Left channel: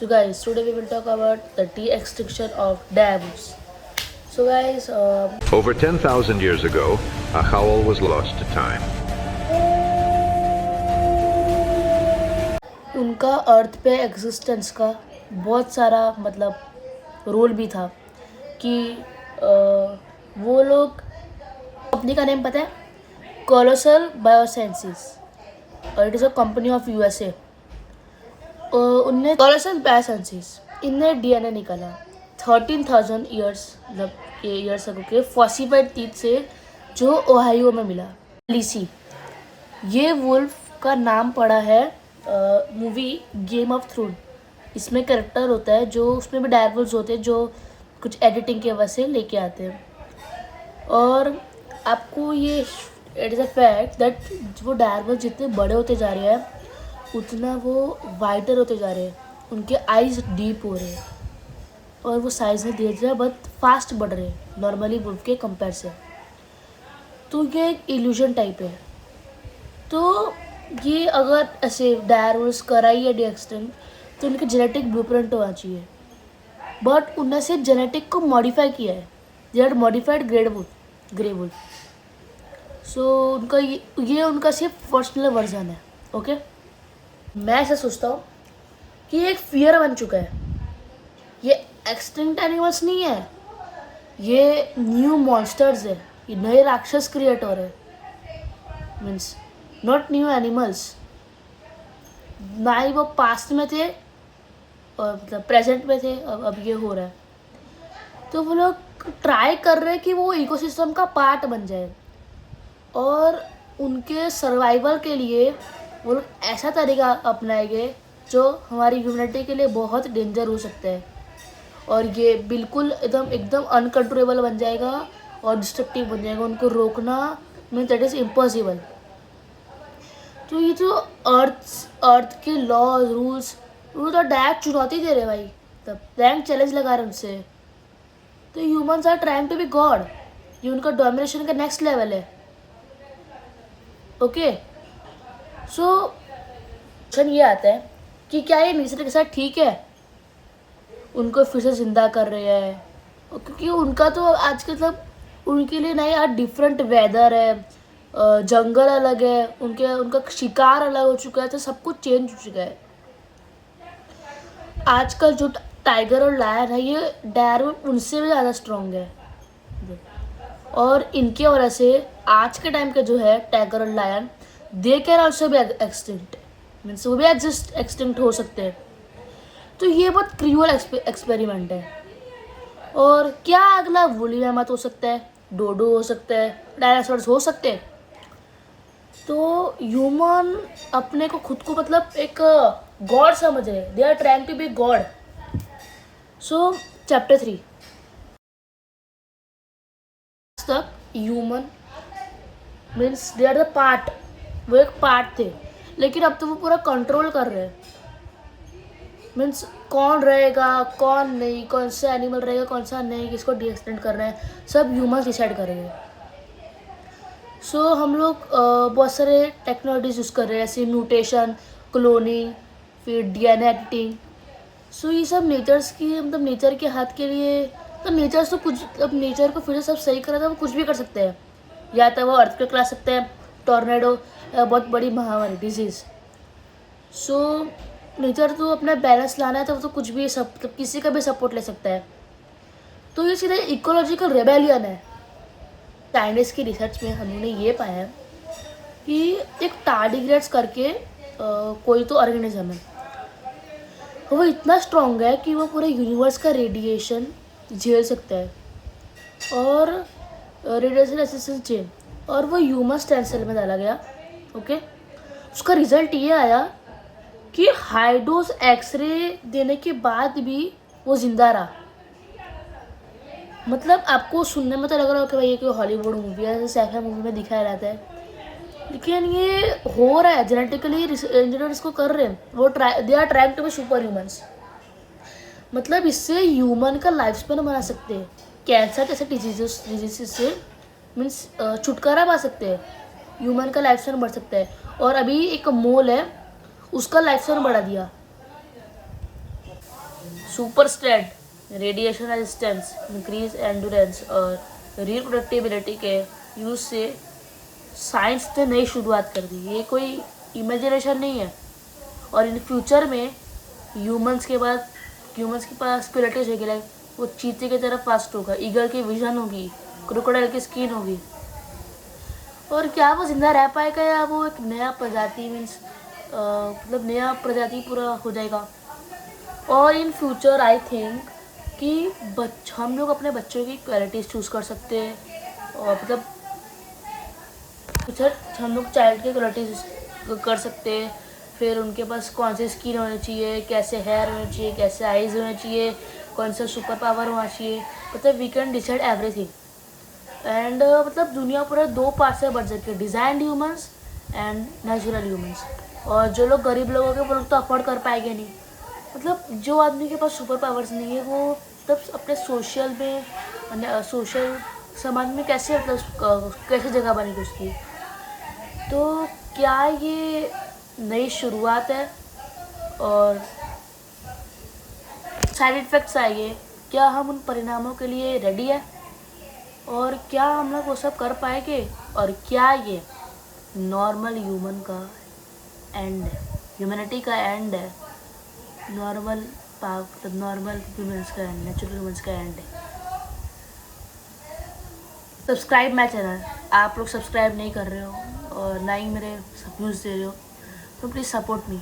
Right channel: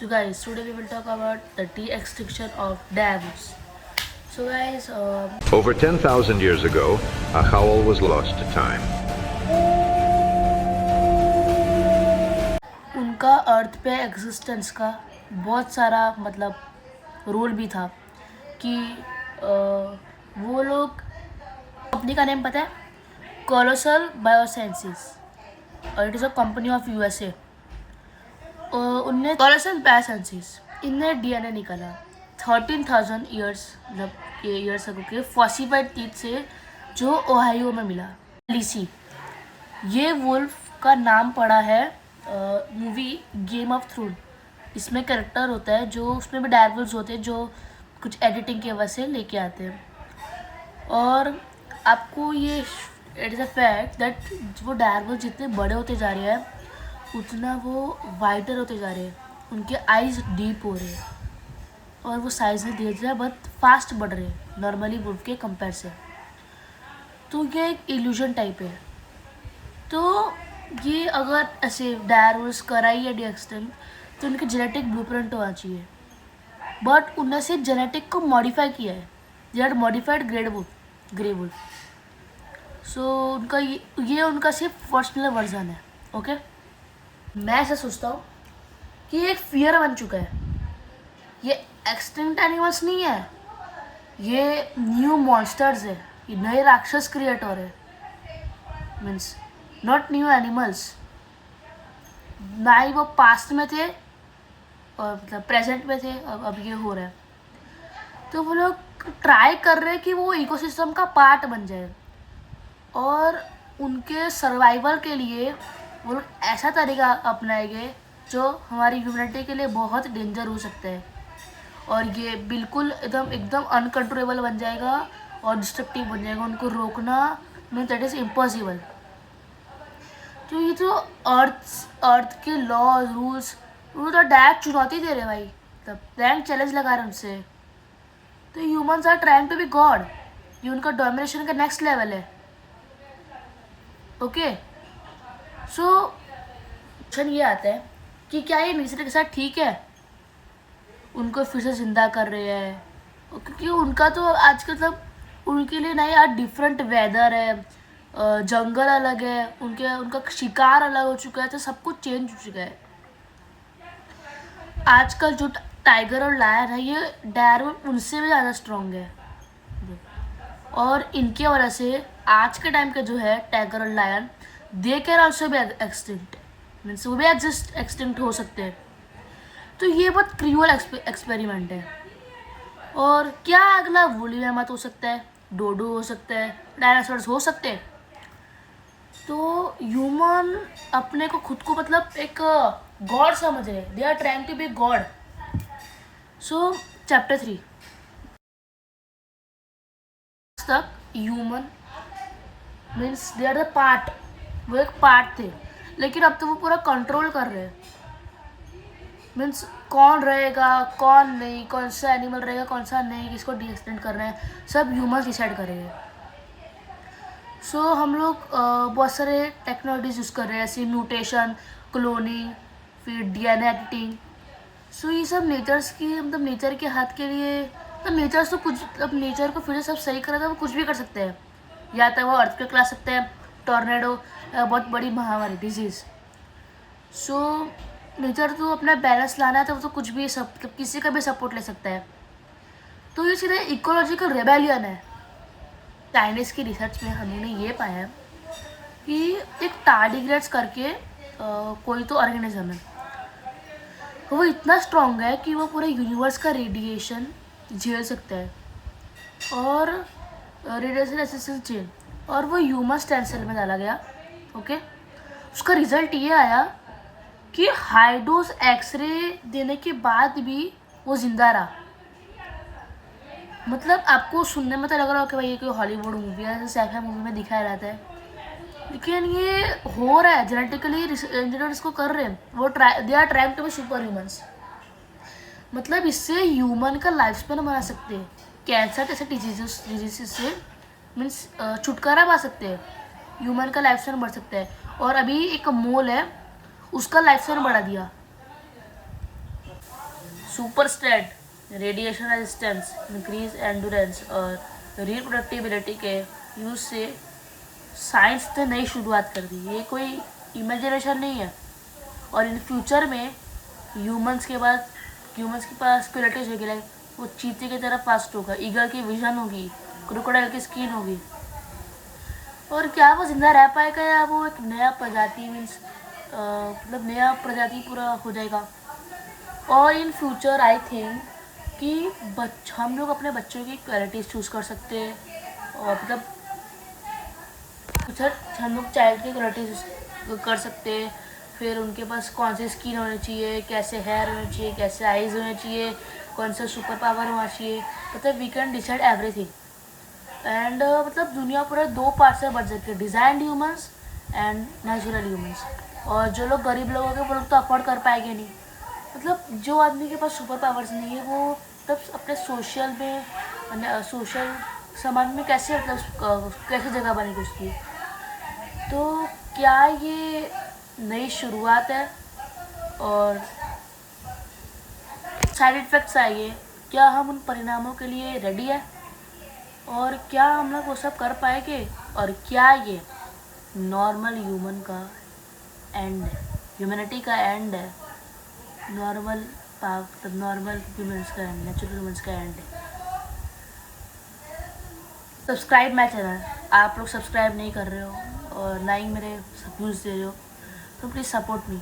So guys, today we will talk about the de-extinction of dams. So guys, Over 10,000 years ago, a howl was lost to time. उनका अर्थ पे existence का बहुत सारा role भी था कि वो लोग कंपनी का नेम पता है कोलोसल बायोसाइंसेस और it is a company of USA. उनने कोलोसल बायोसाइंसेस इनने डीएनए निकाला 13,000 ईयर्स ईयर्स अगो के फॉसिफाइड टीथ से जो ओहायो में मिला। लिसी ये वुल्फ का नाम पड़ा है मूवी गेम ऑफ थ्रोन। इसमें कैरेक्टर होता है जो उसमें भी डायरवुल्स होते हैं जो कुछ एडिटिंग की वजह से लेके आते हैं। और आपको ये it is a fact that वो डायरवुल्स जितने बड़े होते जा रहे हैं उतना वो वाइटर होते जा रहे हैं, उनके आईज डीप हो रहे हैं और वो साइज में धीरे धीरे बहुत फास्ट बढ़ रहे हैं नॉर्मली वुल्फ के कंपेयर से। तो ये एक इल्यूजन टाइप है। तो ये अगर ऐसे डायरवुल्स कराई है डी-एक्सटिंक्ट तो उनके जेनेटिक ब्लूप्रिंट होना चाहिए, बट उनने से जेनेटिक को मॉडिफाई किया है। They are modified grey wolf. So उनका ये उनका सिर्फ पर्सनल वर्जन है। ओके, मैं ऐसा सोचता हूँ कि ये एक फियर बन चुका है। ये एक्सटिंक्ट एनिमल्स नहीं है, ये न्यू मॉन्स्टर्स है, ये नए राक्षस क्रिएट हो रहे मीन्स नॉट न्यू एनिमल्स। ना ही वो पास्ट में थे और प्रेजेंट में थे, अब ये हो रहा है। तो वो लोग ट्राई कर रहे हैं कि वो इकोसिस्टम का पार्ट बन जाए और उनके सर्वाइवल के लिए वो लोग ऐसा तरीका अपनाएंगे जो हमारी ह्यूमैनिटी के लिए बहुत डेंजर हो सकता है और ये बिल्कुल एकदम अनकंट्रोलेबल बन जाएगा और डिस्ट्रक्टिव बन जाएगा। उनको रोकना मीन दैट इज़ इम्पॉसिबल। तो ये जो अर्थ के लॉ रूल्स वो तो डायरेक्ट चुनौती दे रहे भाई, तब रैंक चैलेंज लगा रहे उनसे। तो humans are trying to be God, ये उनका डोमिनेशन का नेक्स्ट लेवल है। ओके, सो क्वेश्चन ये आता है कि क्या ये नेचर के साथ ठीक है उनको फिर से जिंदा कर रहे हैं, क्योंकि उनका तो आजकल उनके लिए नया यार डिफरेंट वेदर है, जंगल अलग है, उनका शिकार अलग हो चुका है, तो सब कुछ चेंज हो चुका है। आजकल जो टाइगर और लायन है ये डायरवुल उनसे भी ज़्यादा स्ट्रॉन्ग है और इनके वजह से आज के टाइम के जो है टाइगर और lion they can also be extinct means वो भी एक्सटिंक्ट हो सकते हैं। तो ये बहुत क्रूअल एक्सपेरिमेंट है। और क्या अगला वुली मैमथ हो सकता है, डोडो हो सकता है, डायनासोर्स हो सकते हैं। तो ह्यूमन अपने को खुद को एक गॉड समझ रहे हैं, they are trying to be God. So chapter 3 तक human means they are the part, वो एक पार्ट थे, लेकिन अब तो वो पूरा कंट्रोल कर रहे हैं। मीन्स कौन रहेगा कौन नहीं, कौन सा एनिमल रहेगा कौन सा नहीं, किसको डी-एक्सटिंक्ट करना है, सब ह्यूमंस डिसाइड करेंगे। सो हम लोग बहुत सारे टेक्नोलॉजीज यूज़ कर रहे हैं जैसे म्यूटेशन, क्लोनिंग, फिर डीएनए एडिटिंग। सो ये सब नेचर्स की नेचर के हाथ के लिए, तो नेचर्स तो कुछ नेचर को फिर से सब सही करा था, वो कुछ भी कर सकते हैं। या तो वो अर्थक्वेक ला सकते हैं, टॉर्नेडो, बहुत बड़ी महामारी डिजीज़। सो नेचर तो अपना बैलेंस लाना है तो वो तो कुछ भी किसी का भी सपोर्ट ले सकता है। तो ये सीधे इकोलॉजिकल रेबेलियन है। चाइनीज़ की रिसर्च में हमने ये पाया है कि एक टार्डिग्रेड्स करके कोई तो ऑर्गेनिज्म है, वो इतना स्ट्रॉन्ग है कि वो पूरे यूनिवर्स का रेडिएशन झेल सकता है और रेडिएशन रेजिस्टेंस चेन, और वो ह्यूमन स्टेम सेल में डाला गया। ओके, उसका रिजल्ट ये आया कि हाई डोज एक्सरे देने के बाद भी वो जिंदा रहा। आपको सुनने में तो लग रहा हो कि भाई ये कोई हॉलीवुड मूवी है, साइफाई मूवी में दिखाया जाता है, लेकिन ये हो रहा है जेनेटिकली। इंजीनियर इसको कर रहे हैं, वो they are trying to be super humans. इससे ह्यूमन का लाइफ स्पेन बना सकते हैं, कैंसर जैसे डिजीज से मीन्स छुटकारा पा सकते हैं, ह्यूमन का लाइफ स्पेन बढ़ सकता है। और अभी एक मोल है उसका लाइफ स्पेन बढ़ा दिया। Super strength, radiation resistance, increase endurance और रिप्रोडक्टिबिलिटी के यूज से साइंस ने नई शुरुआत कर दी। ये कोई इमेजिनेशन नहीं है। और इन फ्यूचर में ह्यूमंस के पास स्पिरिटेज होगी, लाइक वो चीते की तरफ फास्ट होगा, ईगल की विजन होगी, क्रोकोडाइल की स्किन होगी। और क्या वो जिंदा रह पाएगा या वो एक नया प्रजाति मीन्स मतलब नया प्रजाति पूरा हो जाएगा। और इन फ्यूचर आई थिंक कि हम लोग अपने बच्चों की क्वालिटीज़ चूज़ कर सकते हैं। और मतलब हम लोग चाइल्ड की क्वालिटीज़ कर सकते हैं। फिर उनके पास कौन सी स्किन होनी चाहिए, कैसे हेयर होना चाहिए, कैसे आइज़ होने चाहिए, कौन सा सुपर पावर होना चाहिए, मतलब we can decide everything. And मतलब दुनिया पूरा दो पार्ट से बन सकती है, designed humans and natural humans. और जो लोग गरीब लोग होंगे वो लोग तो अफोर्ड कर पाएंगे नहीं। मतलब जो आदमी के पास सुपर पावर्स नहीं है वो तब अपने सोशल समाज में कैसे मतलब कैसे जगह बनेगी उसकी। तो क्या ये नई शुरुआत है और साइड इफ़ेक्ट्स आएंगे, क्या हम उन परिणामों के लिए रेडी है और क्या हम लोग वो सब कर पाएंगे, और क्या ये नॉर्मल ह्यूमन का एंड है, ह्यूमैनिटी का एंड है, नॉर्मल ह्यूमंस का एंड, नेचुरल ह्यूमंस का एंड है। सब्सक्राइब माई चैनल, आप लोग सब्सक्राइब नहीं कर रहे हो और ना ही मेरे व्यूज़ दे रहे हो, तो प्लीज़ सपोर्ट मी।